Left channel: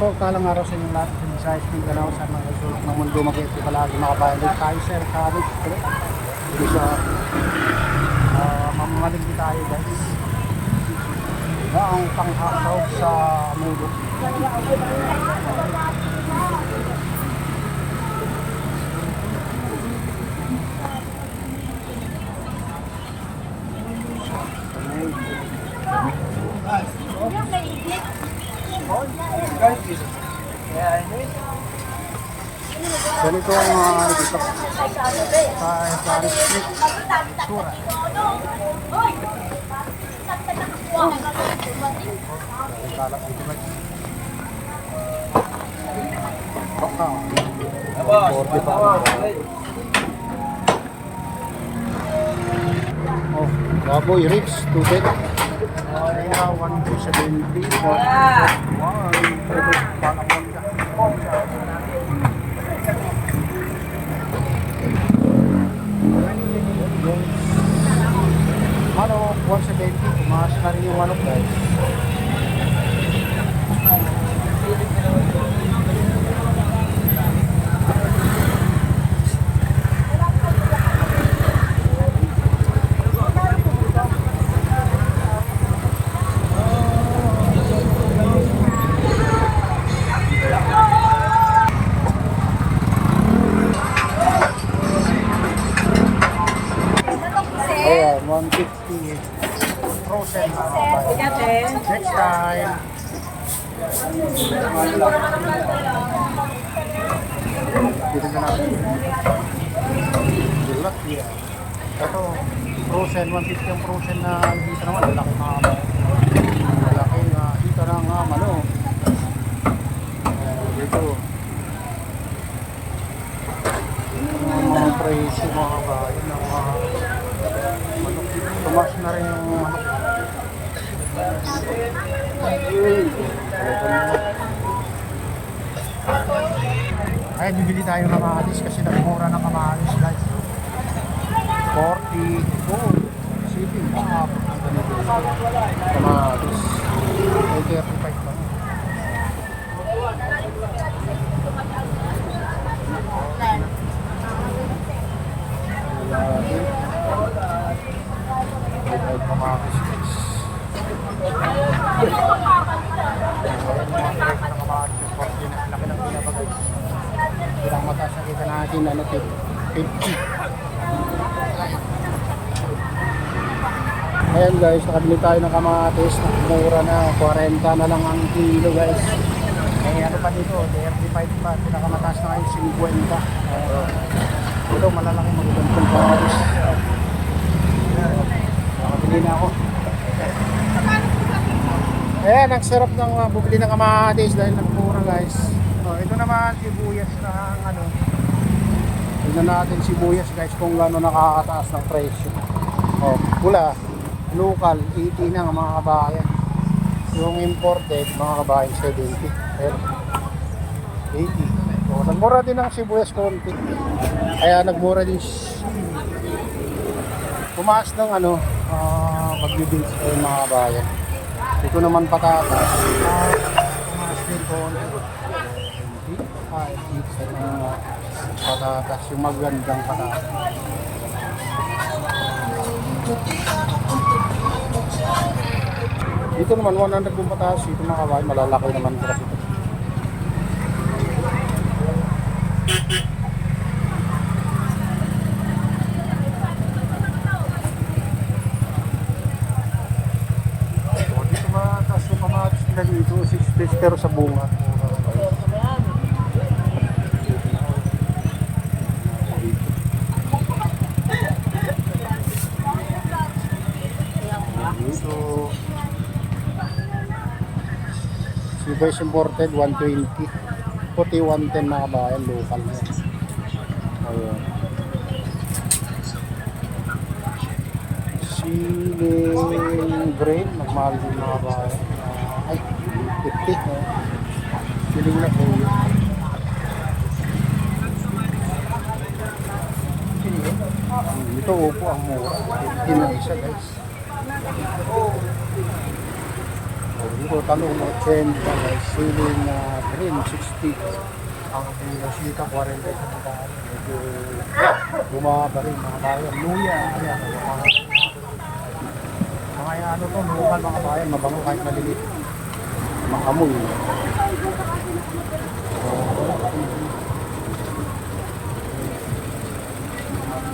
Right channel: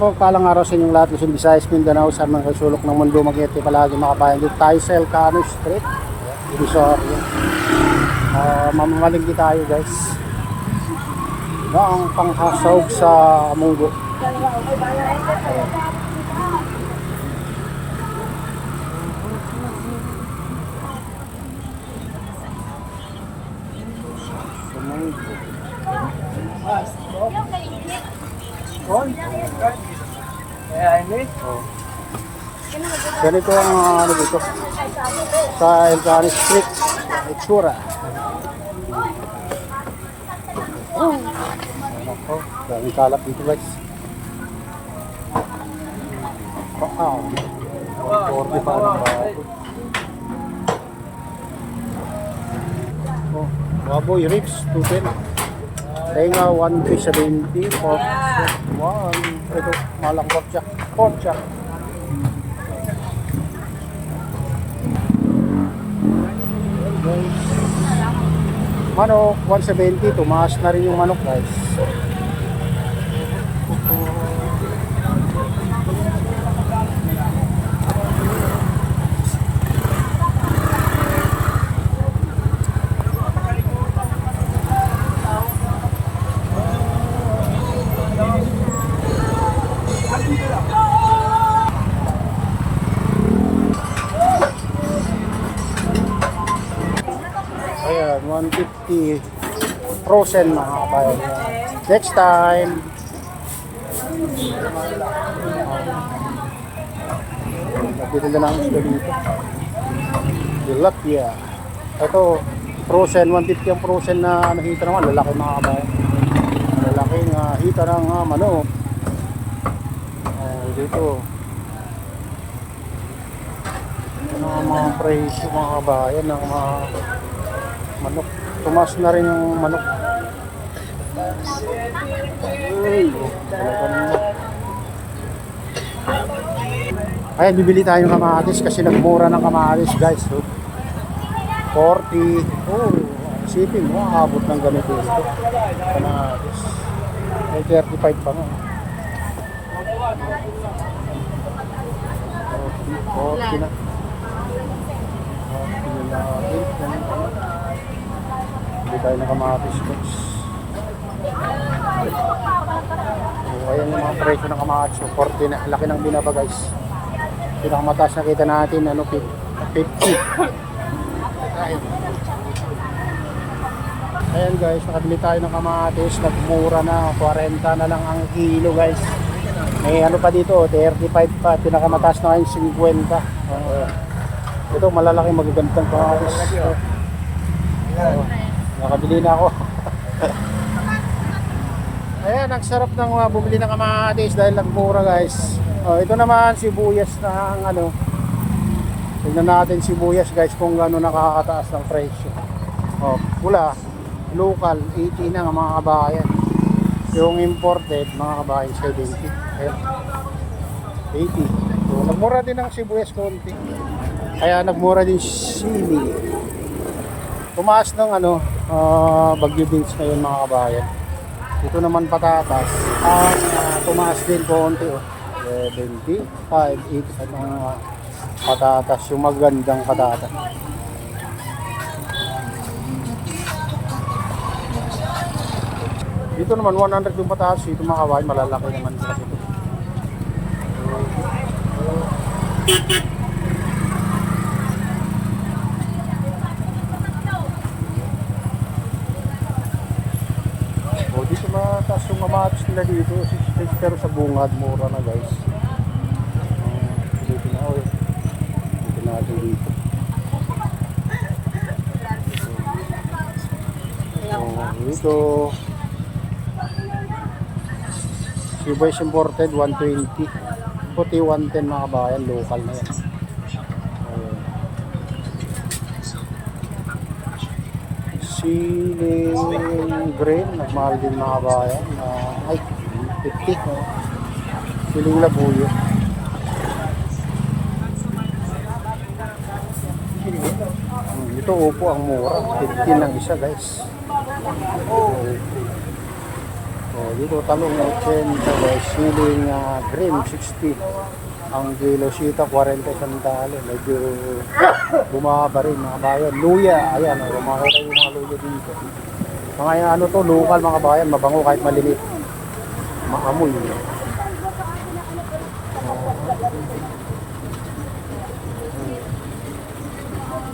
Mapagpalang araw sa inyong lahat, Luzon, Visayas, Mindanao, sa mga sulok ng mundo, mag-iiti palagi makabayan. Dito tayo sa Elcano Street, dito sa mamamalingki tayo guys. Na ang panghasaog sa mundo. Ganito ang ano dito sa Elcano Street, itsura. Daming kalap dito guys. 140 pa ng baboy. Baboy ribs 210. Tenga 170 pork 1. Ito malang pork siya. Guys, manok 170, tumaas na rin yung manok guys. Ayan, 150 frozen na. Next time. Nabili na namin sila dito. Tilapia. Ito, frozen, 150 ang frozen na hita naman. Lalaki mga kabayan. Lalaking hita ng manok. Dito. Mga presyo mga kabayan ng mga manok. Tumas na rin yung manok. Ay, bibili tayo ng kamatis kasi nagmura ng kamatis guys. 40. Sipin mo, abot ng ganito ito. Kamatis. Ay, 35 pa na. 40 na. Natin. Hindi tayo nakamatis guys. Ayan yung mga presyo ng kamatis. 40 na. Laki ng binaba guys. Pinakamataas na kita natin 50. Ayan guys, nakabili tayo ng kamatis. Nagmura na. 40 na lang ang kilo guys. May ano pa dito, 35 pa. Pinakamataas na ngayon 50. Ito malalaki magagandang kamatis. Nakabili na ako. Ayan, ang sarap ng bumili ng kamatis dahil nagmura guys. Ito naman sibuyas na ang ano. Tignan natin sibuyas guys kung gaano nakakataas ng presyo. Pula, local 80 na mga kabayan. Yung imported mga kabayan 70. Ayan, 80. So, nagmura din ang sibuyas konti. Kaya nagmura din sili. Tumaas ng ano, Bagyo Beach ngayon mga kabayan. Ito naman patatas. Tumaas din konti. 75, 80 na patatas. Yung magandang patatas. Dito naman 100 yung patatas. Ito mga kabayan, malalaki naman kasi ito. Dito mataas yung kamatis nila dito 6 days pero sa bungad mura na guys. Dito natin dito. Dito sibuyas imported 120, puti 110 mga kabayan, local na yan. Ayun. Siling green, nagmahal din mga kabayan. Ay, 50 siling labuyo. Ito upo ang mura, 15 lang isa guys. Oh, dito talong 80 guys, siling green 60. Ang kilo sita 40 sandalo. Medyo bumaba rin mga bayan. Luya, ayan, mga yung mga luya dito. Mga ano to, local mga bayan, mabango kahit malilit. Maamoy.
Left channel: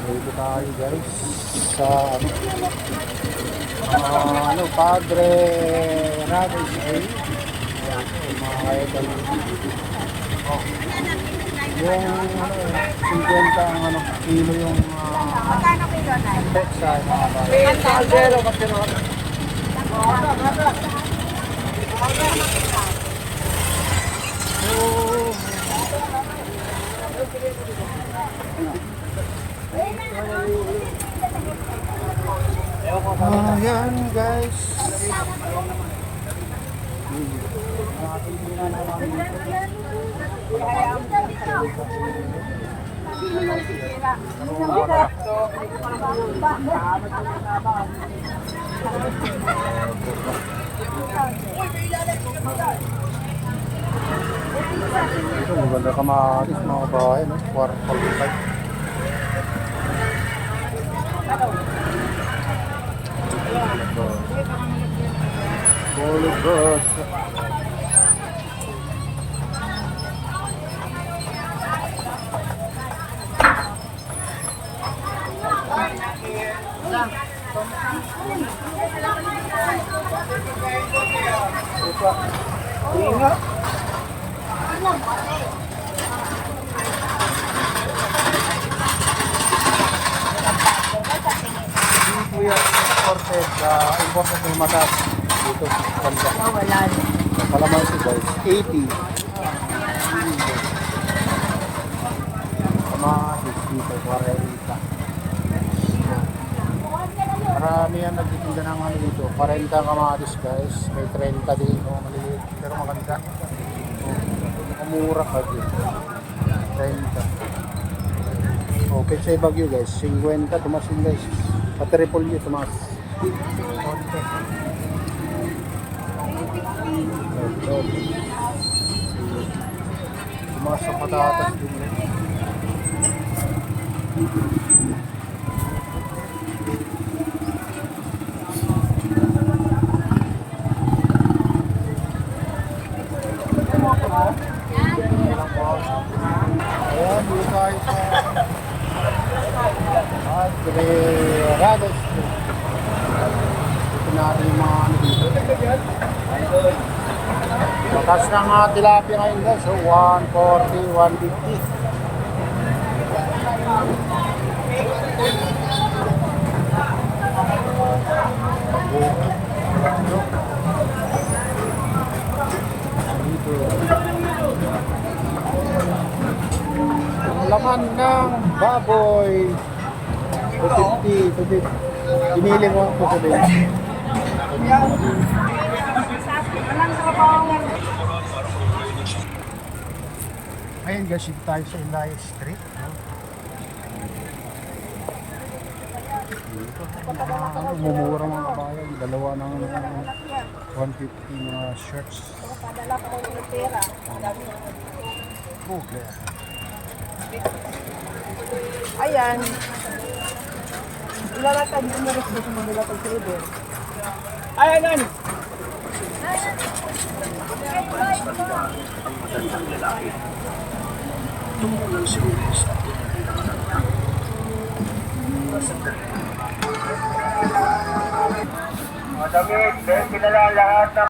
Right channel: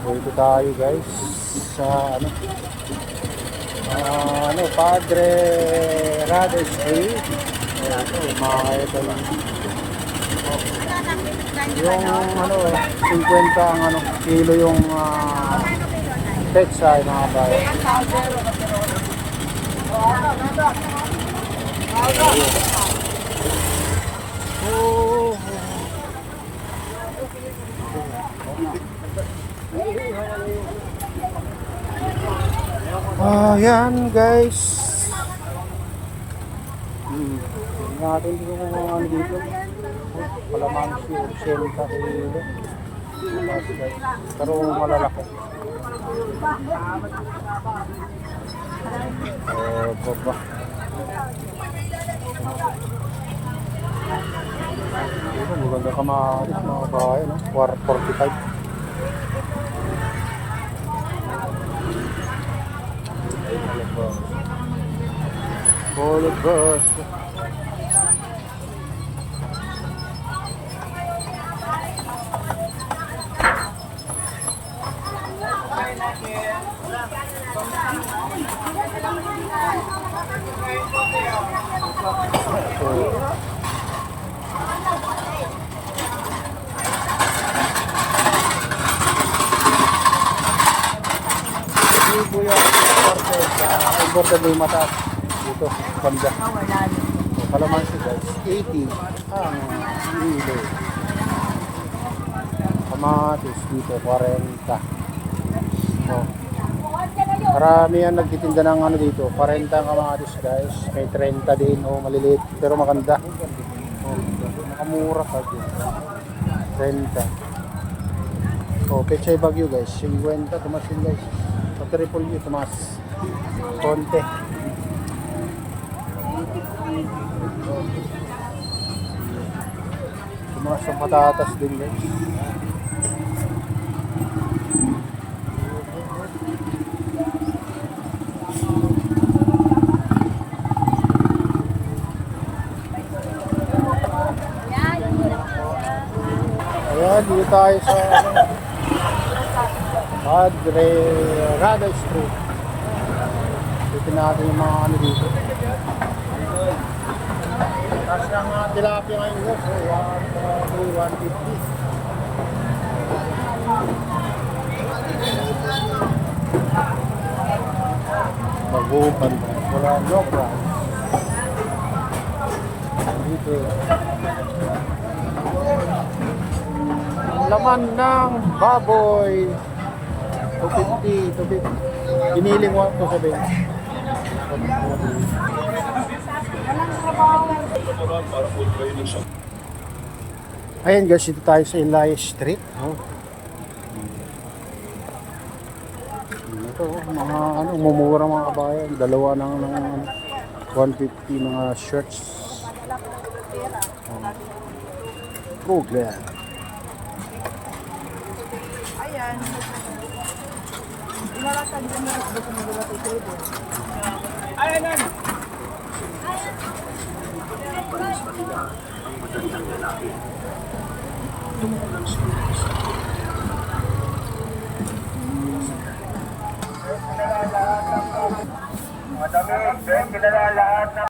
Oh, dito tayo guys sa Padre Rades Street. Oh, ito mga kaidol. Oh, yung 50 ang kilo yung petsa mga bayan. Oh, yan guys. Natin din naman dito. Pero wala. Ito maganda kamatis mga bahay, no? 45. Polybus. Hindi po yan imported yung matas dito sa Kanja. So, kalamansi guys, 80 ang kilo. Kamatis dito, 40. So, karamihan nagtitinda ng dito, 40 ang kamatis guys, may 30 din, maliliit, pero maganda. Makamura ka din, 30. Pechay Bagyo guys, 50, tumas din guys. Pa-triple U, tumas. Konti. Tumas sa patatas din guys. Ayan, dito tayo sa Padre Rades Street. Dito natin yung mga dito. Mataas ng tilapia ngayon guys. So 140, 150. Dito. Laman ng baboy. 250, 250. Piniling ko sa bench. Ayan guys, dito tayo sa Elias Street. Ito, mga mumura mga kabayan. Dalawa ng 150 mga shirts. Google. Ayan. Ilalatan din mo rin sa mga pagsudo. Ayan. Mga damit, then kilala lahat ng